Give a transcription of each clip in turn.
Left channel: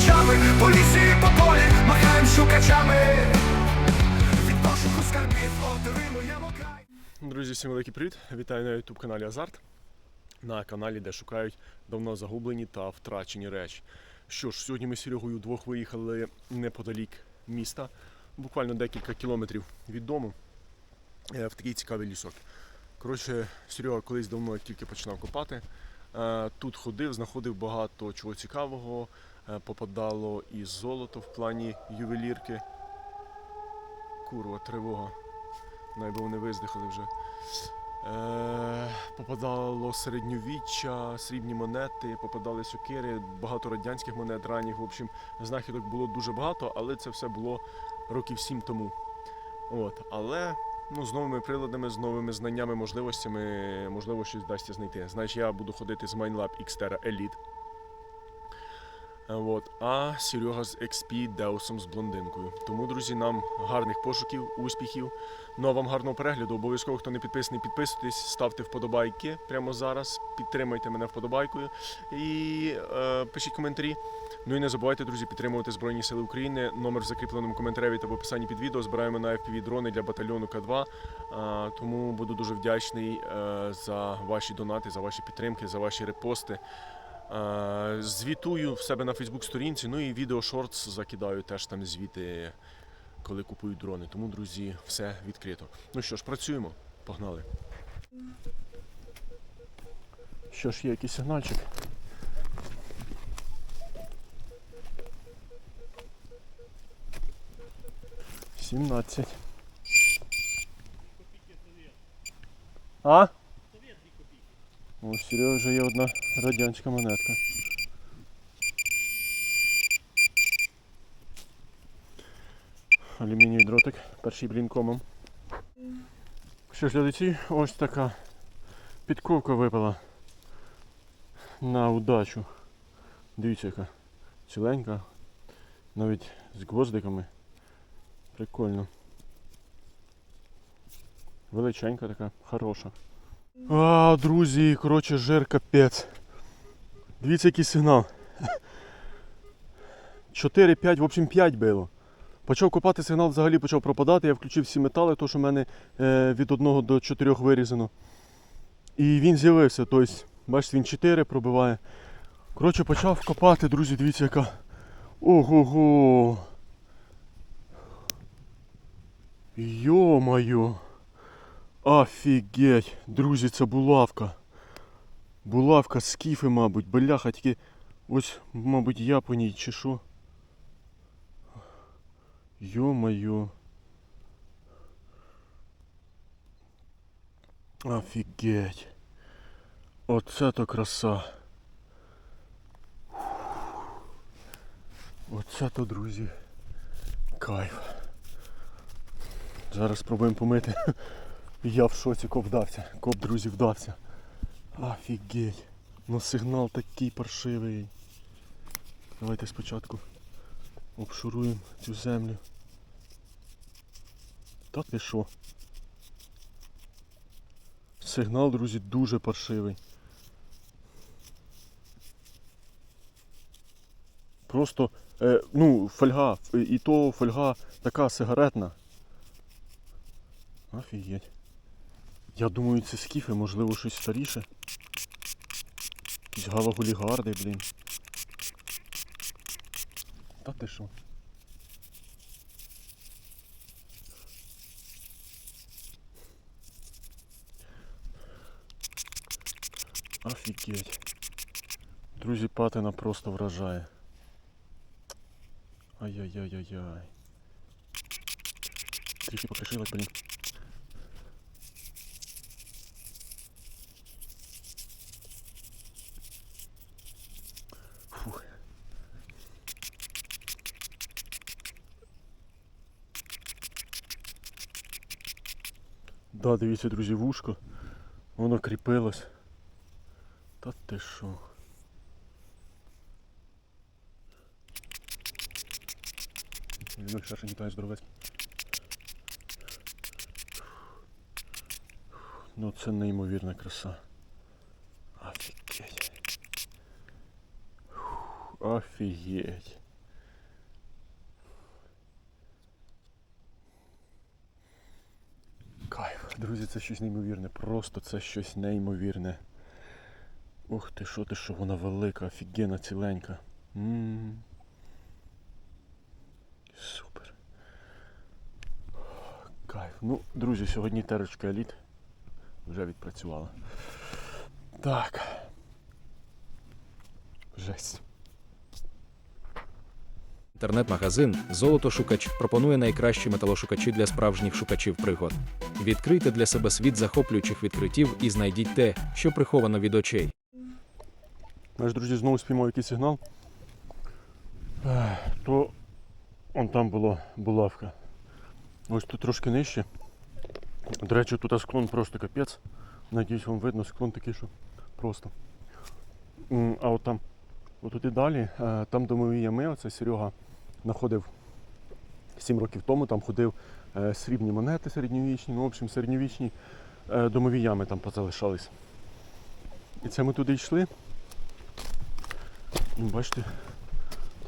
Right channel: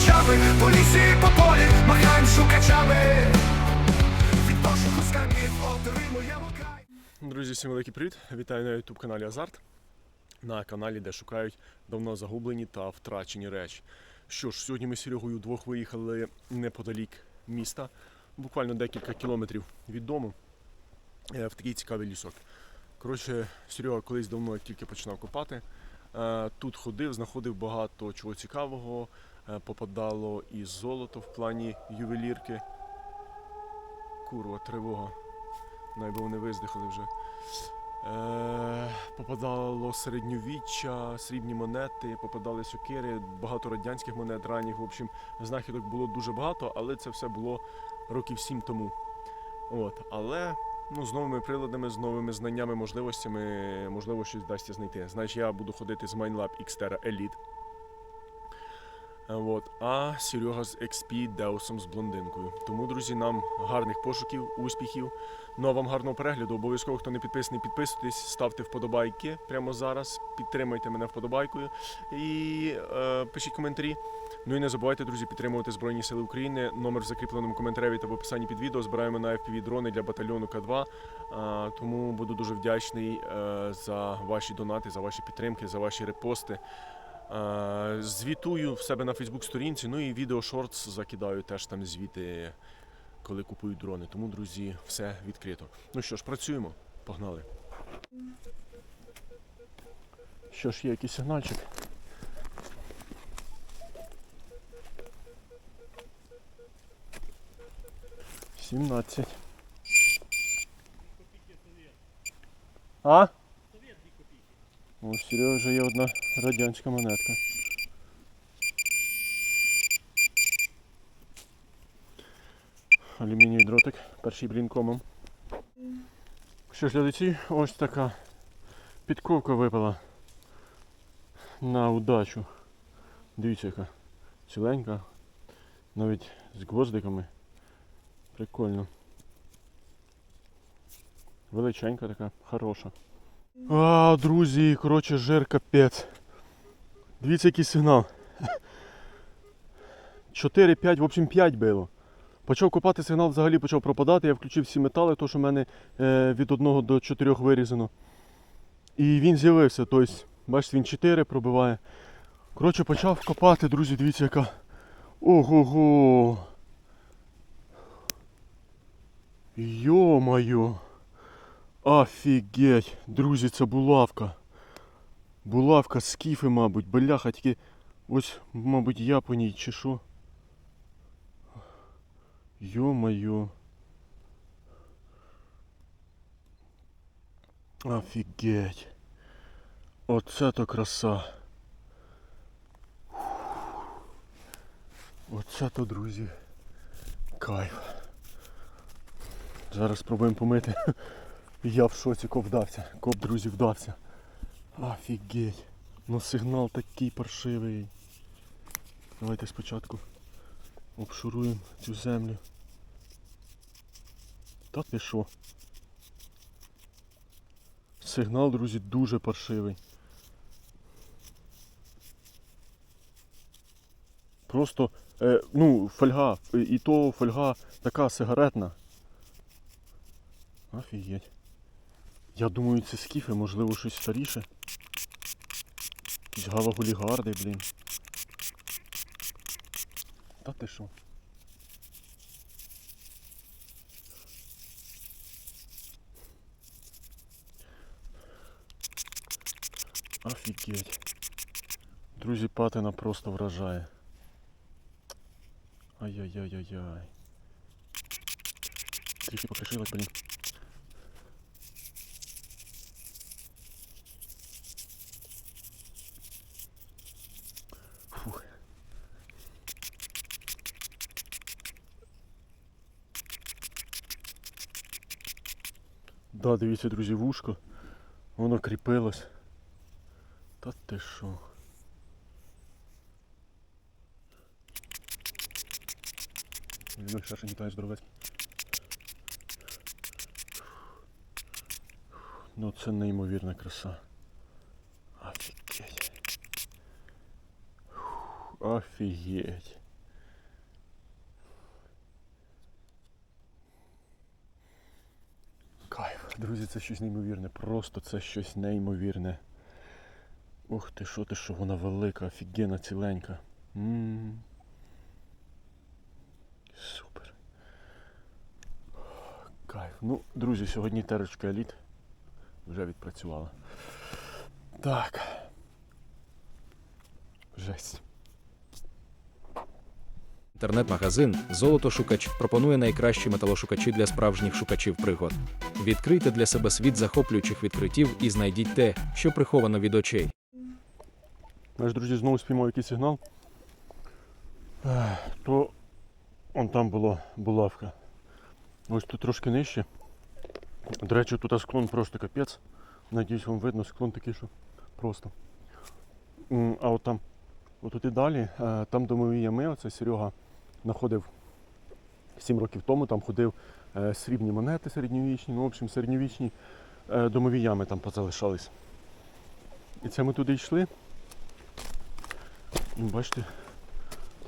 ночами, по лісі, по полі, махаєм шукачами. Від пошуку скарбів отримуємо край. Друзі, всім великий привіт! Вітаю на youtube каналі Азарт. На каналі, де шукають давно загублені та втрачені речі. Що ж, сьогодні ми з Серегою вдвох виїхали неподалік міста, буквально декілька кілометрів від дому, е, в такий цікавий лісок. Коротше, Серега колись давно тільки починав копати. е, Тут ходив, знаходив багато чого цікавого, попадало і золото в плані ювелірки. Курва, тривога. Найби вони виздихали вже. Е, попадало середньовіччя, срібні монети, попадали сокири, багато радянських монет ранніх. В общем, знахідок було дуже багато, але це все було років сім тому. От, але ну, з новими приладами, з новими знаннями, можливостями, можливо, щось вдасться знайти. Значить, я буду ходити з MineLab Xterra Elite. От. А Серега з XP Деусом з блондинкою. Тому, друзі, нам гарних пошуків, успіхів. Ну а вам гарного перегляду. Обов'язково, хто не підписаний, підписуйтесь, ставте вподобайки прямо зараз. Підтримайте мене вподобайкою і е, пишіть коментарі. Ну і не забувайте, друзі, підтримувати Збройні Сили України. Номер в закріпленому коментарі та в описанні під відео. Збираємо на FPV дрони для батальйону К2. Е, тому буду дуже вдячний е, за ваші донати, за ваші підтримки, за ваші репости. Е, Звітую в себе на Фейсбук сторінці, ну і відео шортс закидаю теж там звіти, коли купують дрони. Тому, друзі, все відкрито. Ну що ж, працюємо. Погнали. Що ж, є якийсь сигнальчик. Сімнадцять. А? У Сереги вже є одна радянська монетка. Алюмінієвий дротик, перший блінкомом. Що ж, глядачі, ось така підковка випала на удачу. Дивіться, яка ціленька, навіть з гвоздиками. Прикольно. Величенька така, хороша. А, друзі, коротше, жир капець. Дивіться, який сигнал. 4-5, в общем 5 було. Почав копати сигнал, взагалі почав пропадати. Я включив всі метали, то що в мене е, від 1 до 4 вирізано. І він з'явився. Тобто, бачите, він 4 пробиває. Коротше, почав копати, друзі, дивіться, яка. Ого-го. Йо-моє. Офігеть, друзі, це булавка. Булавка скіфи, мабуть, бляха, тільки ось, мабуть, я по ній чи що. Йо-моє. Офігеть. Оце то краса. Оце то, друзі. Кайф. Зараз спробуємо помити. Я в шоці коп вдався. Коп, друзі, вдався. Офігеть. Ну сигнал такий паршивий. Давайте спочатку обшуруємо цю землю. Та ти що? Сигнал, друзі, дуже паршивий. Просто, е, ну, фольга, і то фольга така сигаретна. Офігеть. Я думаю, це скіфи, можливо, щось старіше. Якісь галагулігарди, блін. Та ти що? Офігеть. Друзі, патина просто вражає. Ай-яй-яй-яй-яй. Трішки покришилась, блін. Да, дивіться, друзі, вушко. Воно кріпилось. Та ти що? Він ще не тає здоровець. Ну це неймовірна краса. Офігеть. Офігеть. Друзі, це щось неймовірне. Просто це щось неймовірне. Ух ти, що ти, що вона велика, офігенна, ціленька. м Супер. Кайф. Ну, друзі, сьогодні терочка еліт вже відпрацювала. Так. Жесть. Інтернет-магазин Золотошукач пропонує найкращі металошукачі для справжніх шукачів пригод. Відкрийте для себе світ захоплюючих відкриттів і знайдіть те, що приховано від очей. Наш друзі знову спіймав якийсь сигнал. То он там була булавка. Ось тут трошки нижче. До речі, тут склон просто капець. Надіюсь, вам видно, склон такий, що просто. А от там, отут і далі, е, там домові ями, оце Серега знаходив 7 років тому, там ходив е, срібні монети середньовічні, ну, в общем, середньовічні е, домові ями там позалишались. І це ми туди йшли. І бачите,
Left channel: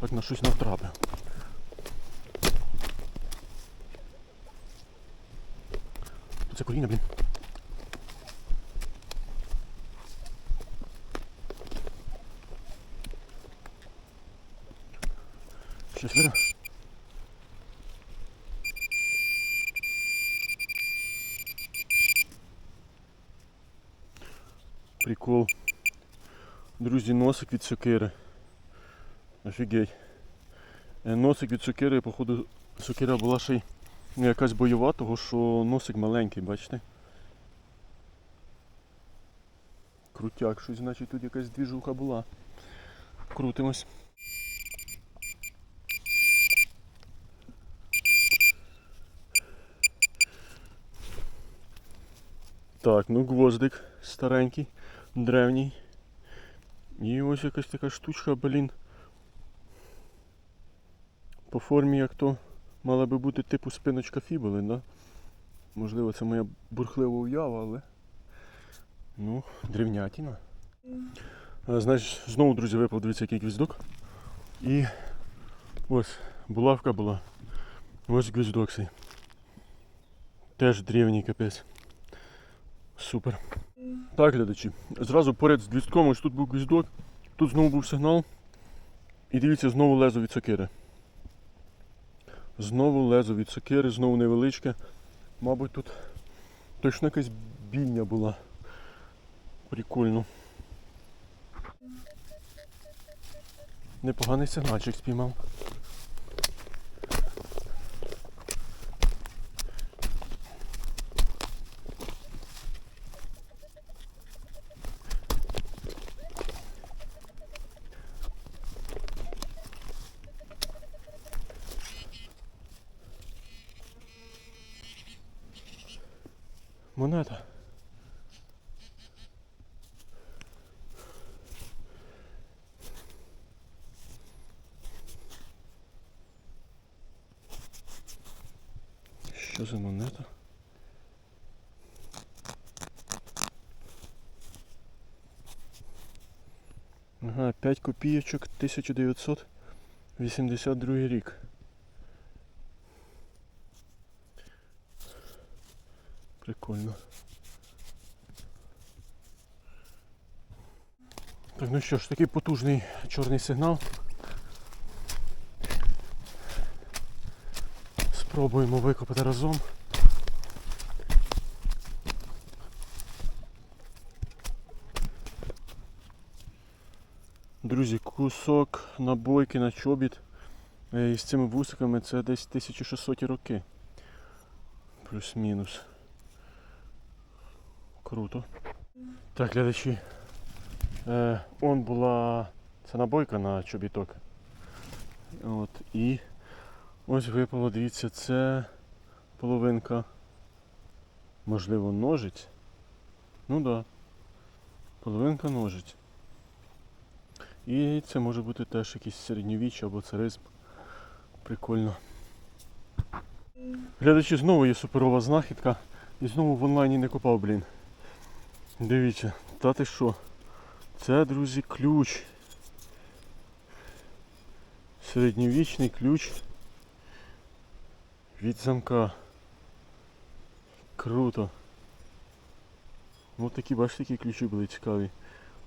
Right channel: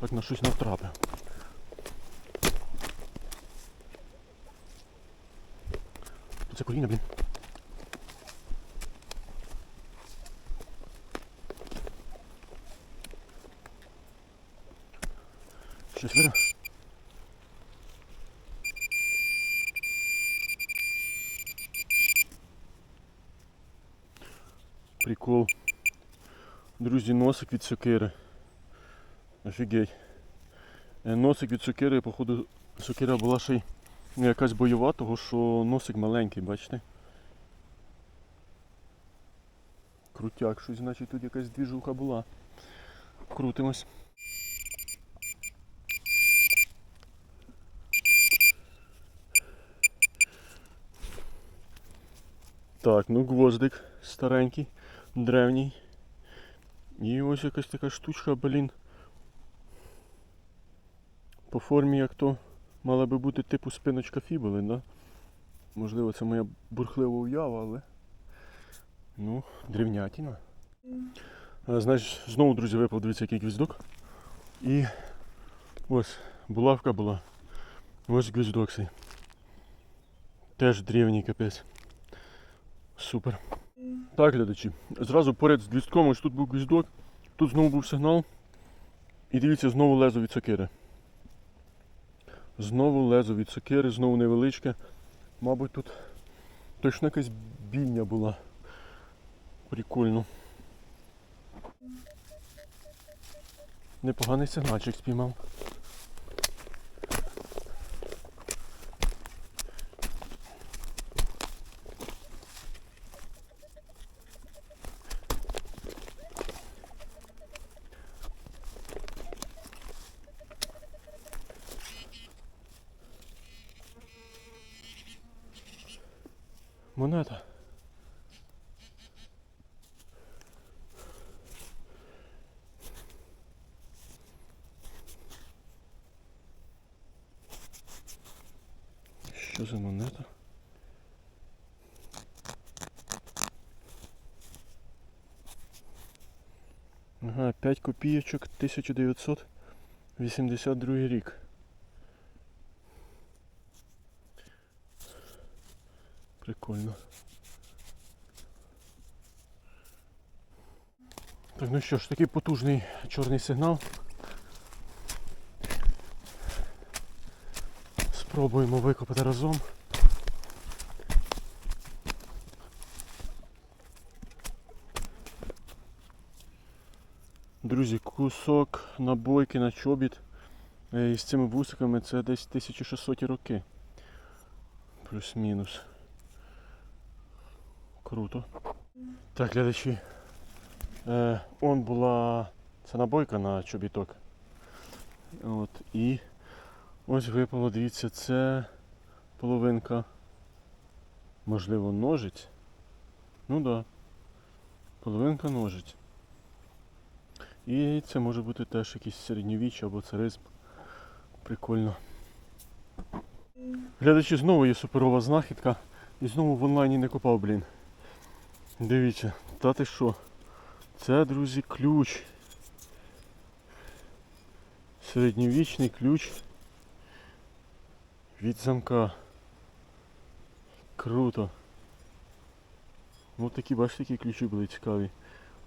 так на щось натрапив. Це коліна, блін. Видно? Прикол. Друзі, носик від сокири. Офігеть. Е, Носик від сокири, походу, сокира була ще й ну, якась бойова, того що носик маленький, бачите? Крутяк, щось, значить тут якась двіжуха була. Крутимось. Так, ну гвоздик старенький, древній. І ось якась така штучка, блін. По формі як то мала би бути типу спиночка фібули, да? Можливо, це моя бурхлива уява, але. Ну, древнятіна. Значить, знову, друзі, випав, дивіться, який гвіздок. І ось булавка була. Ось гвіздок цей. Теж древній капець. Супер. Так, глядачі. Зразу поряд з гвіздком, ось тут був гвіздок, тут знову був сигнал. І дивіться, знову лезо від сокири. Знову лезо від сокири, знову невеличке. Мабуть, тут точно якась бійня була. Прикольно. Непоганий сигнальчик спіймав. Монета. Що за монета? Ага, 5 копійочок 1982 рік. Прикольно. Так, ну що ж, такий потужний чорний сигнал. Спробуємо викопати разом. Друзі, кусок набойки на чобіт е, із цими вусиками це десь 1600 роки. Плюс-мінус. Круто. Так, глядачі. Е, он була ця набойка на чобіток. От, і ось випало, дивіться, це половинка. Можливо, ножиць. Ну так. Да. Половинка ножиць. І це може бути теж якийсь середньовіччя або царизм. Прикольно. Глядачі, знову є суперова знахідка. І знову в онлайні не копав, блін. Дивіться, та ти що? Це, друзі, ключ. Середньовічний ключ від замка. Круто. Ось такі, бачите, такі ключі були цікаві.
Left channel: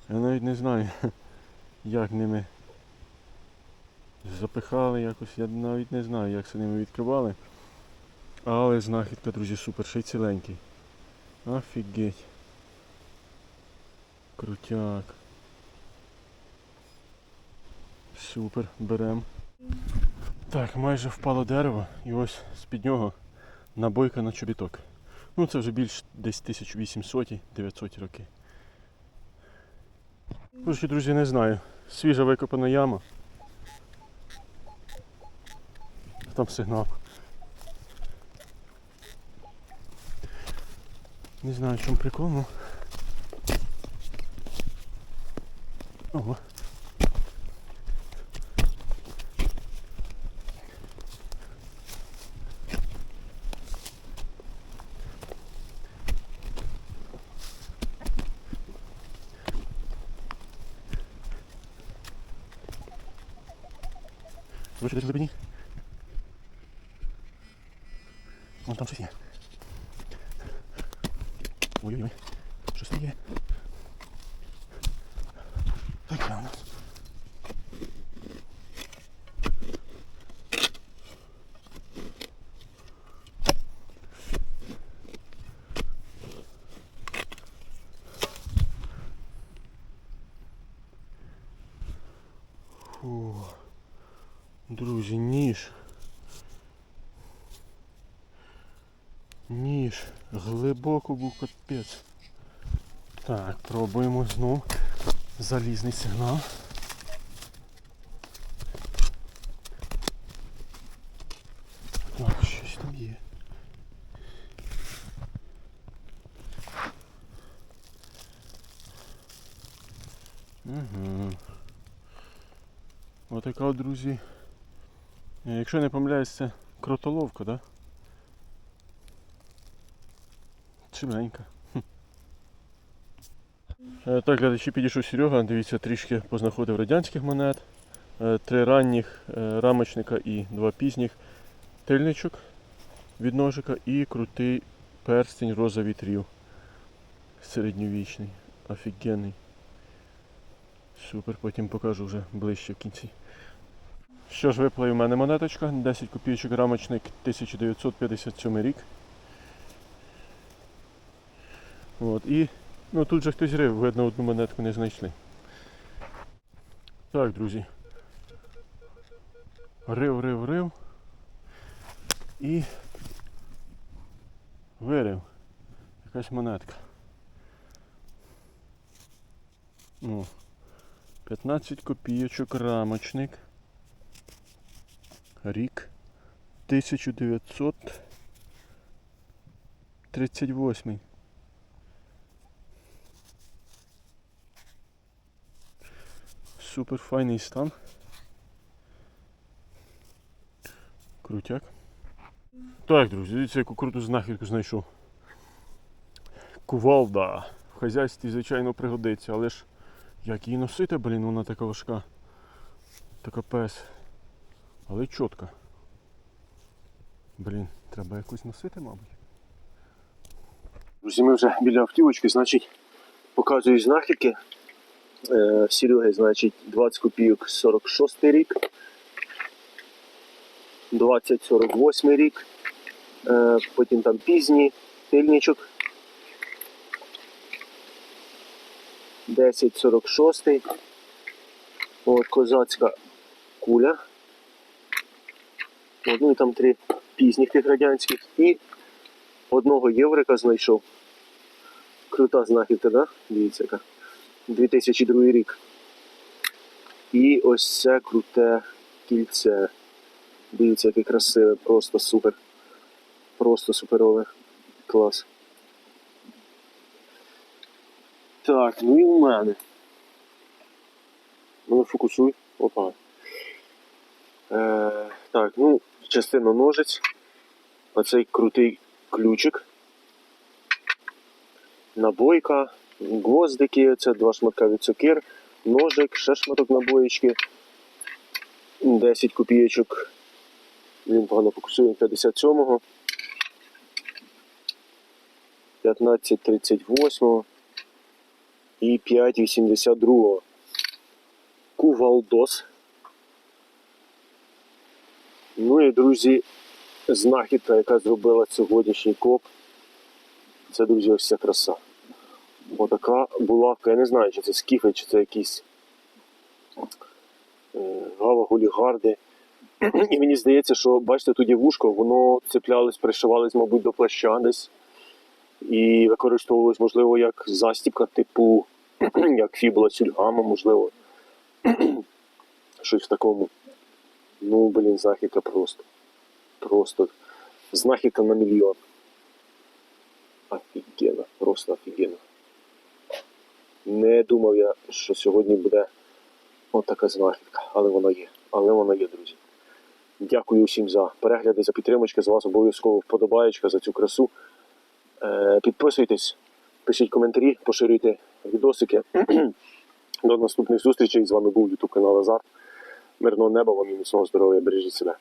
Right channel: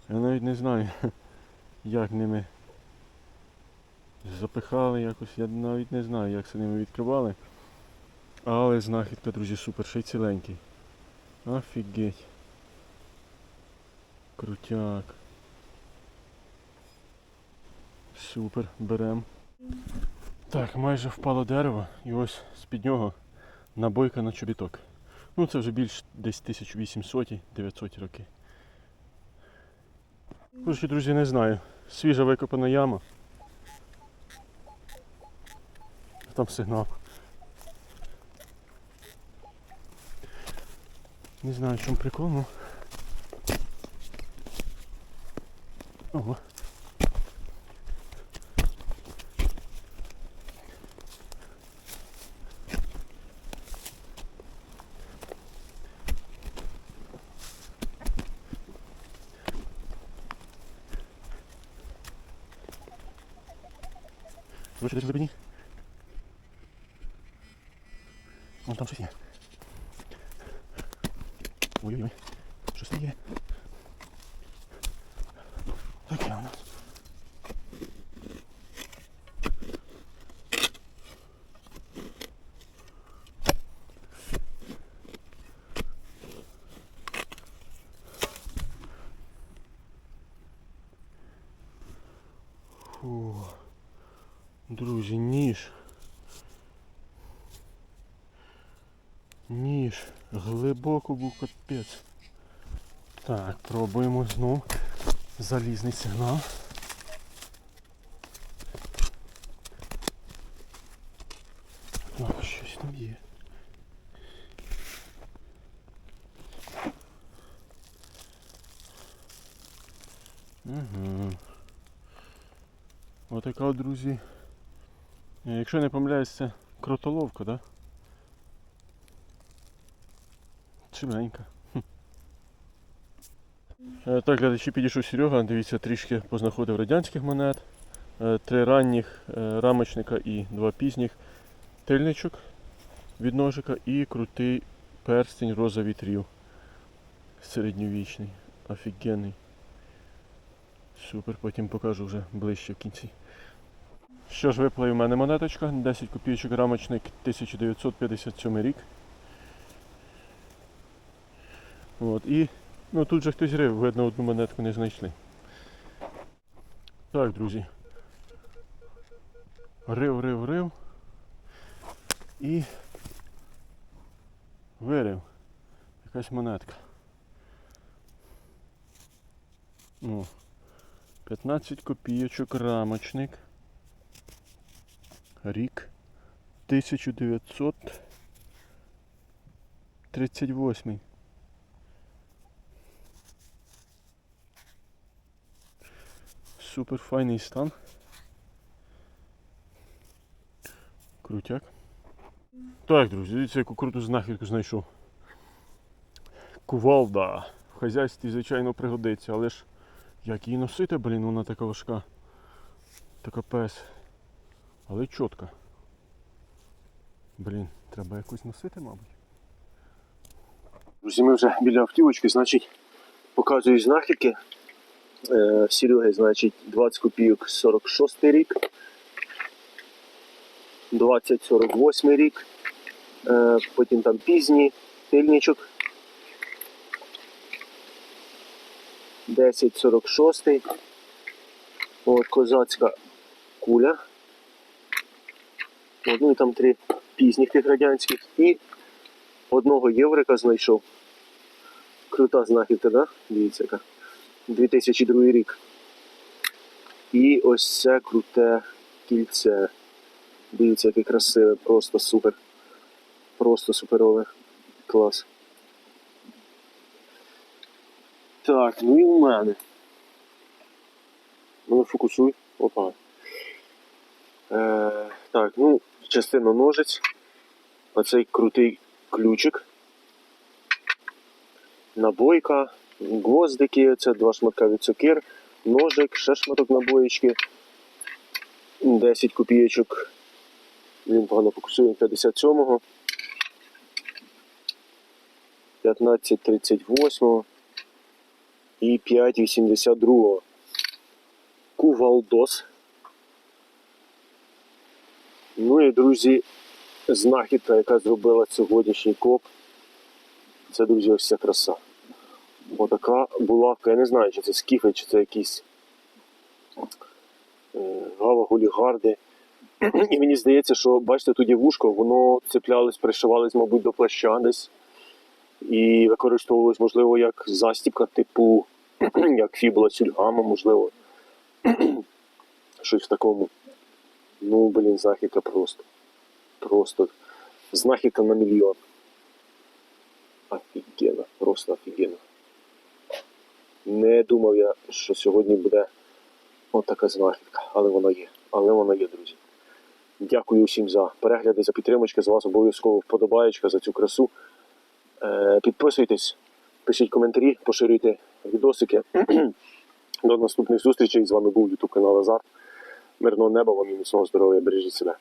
Я навіть не знаю, як ними запихали якось, я навіть не знаю, як це ними відкривали. Але знахідка, друзі, супер, ще й ціленький. Офігеть. Крутяк. Супер, берем. Так, майже впало дерево і ось з-під нього набойка на чобіток. Ну це вже більш десь 1800-900 роки. Коротше, друзі, не знаю. Свіжа викопана яма. Там сигнал. Не знаю, чому прикол, ну. Ого. Короче, в глибині. Вон там є. Ой-ой-ой. Щось Фу. Друзі, ніж. Ніж. Глибоко був капець. Так, пробуємо знов. Залізний сигнал. Так, щось там є. Угу. Отака, от, друзі. Е, Якщо не помиляюсь, це кротоловка, да? Чимненька. Е, Так, глядачі підійшов Серега, дивіться, трішки познаходив радянських монет. Е, Три ранніх рамочника і два пізніх тильничок від ножика і крутий перстень роза вітрів. Середньовічний. Офігенний. Супер, потім покажу вже ближче в кінці. Що ж, випала в мене монеточка, 10 копійочок рамочник 1957 рік. От, і ну, тут же хтось рив, видно, одну монетку не знайшли. Так, друзі. Рив, рив, рив. І вирив. Якась монетка. Ну, 15 копійочок рамочник. Рік 1938. Супер файний стан. Крутяк. Так, друзі, дивіться, яку круту знахідку знайшов. Кувалда. В хазяйстві, звичайно, пригодиться, але ж як її носити, блін, вона така важка. Така пес. Але чітка. Блін, треба якусь носити, мабуть. Друзі, ми вже біля автівочки, значить, показую знахідки. Е, Сереги, значить, 20 копійок 46 рік, 20-48 рік, е, потім там пізній тильничок. 10-46. От козацька куля. От, ну і там три пізніх тих радянських. І одного єврика знайшов. Крута знахідка, да? Дивіться яка. 2002 рік. І ось це круте кільце. Дивіться, яке красиве, просто супер. Просто суперове. Клас. Так, ну і у мене. Ну, фокусуй. Опа. Е, так, ну, частина ножиць. Оцей крутий ключик. Набойка, гвоздики, це два шматка від цукер, ножик, ще шматок набоєчки, 10 копійочок. Він погано фокусує 57-го. 15-38, і 5,82. Кувалдос. Ну і, друзі, знахідка, яка зробила сьогоднішній коп. Це, друзі, ось ця краса. Отака булавка, я не знаю, чи це скіфи, чи це якісь е, гава-гулігарди. І мені здається, що бачите, є вушко, воно цеплялось, пришивалось, мабуть, до плаща десь. І використовувалось, можливо, як застібка, типу, як фібула сюльгама, можливо. Щось в такому. Ну, блін, знахідка просто. Просто знахідка на мільйон. Офігенно, просто офігенно. Не думав я, що сьогодні буде отака знахідка, але вона є. Але вона є, друзі. Дякую усім за перегляди, за підтримочки. З вас обов'язково вподобаєчка за цю красу. Е, підписуйтесь, пишіть коментарі, поширюйте відосики. До наступних зустрічей. З вами був YouTube канал Азарт. Мирного неба вам і міцного здоров'я. Бережіть себе.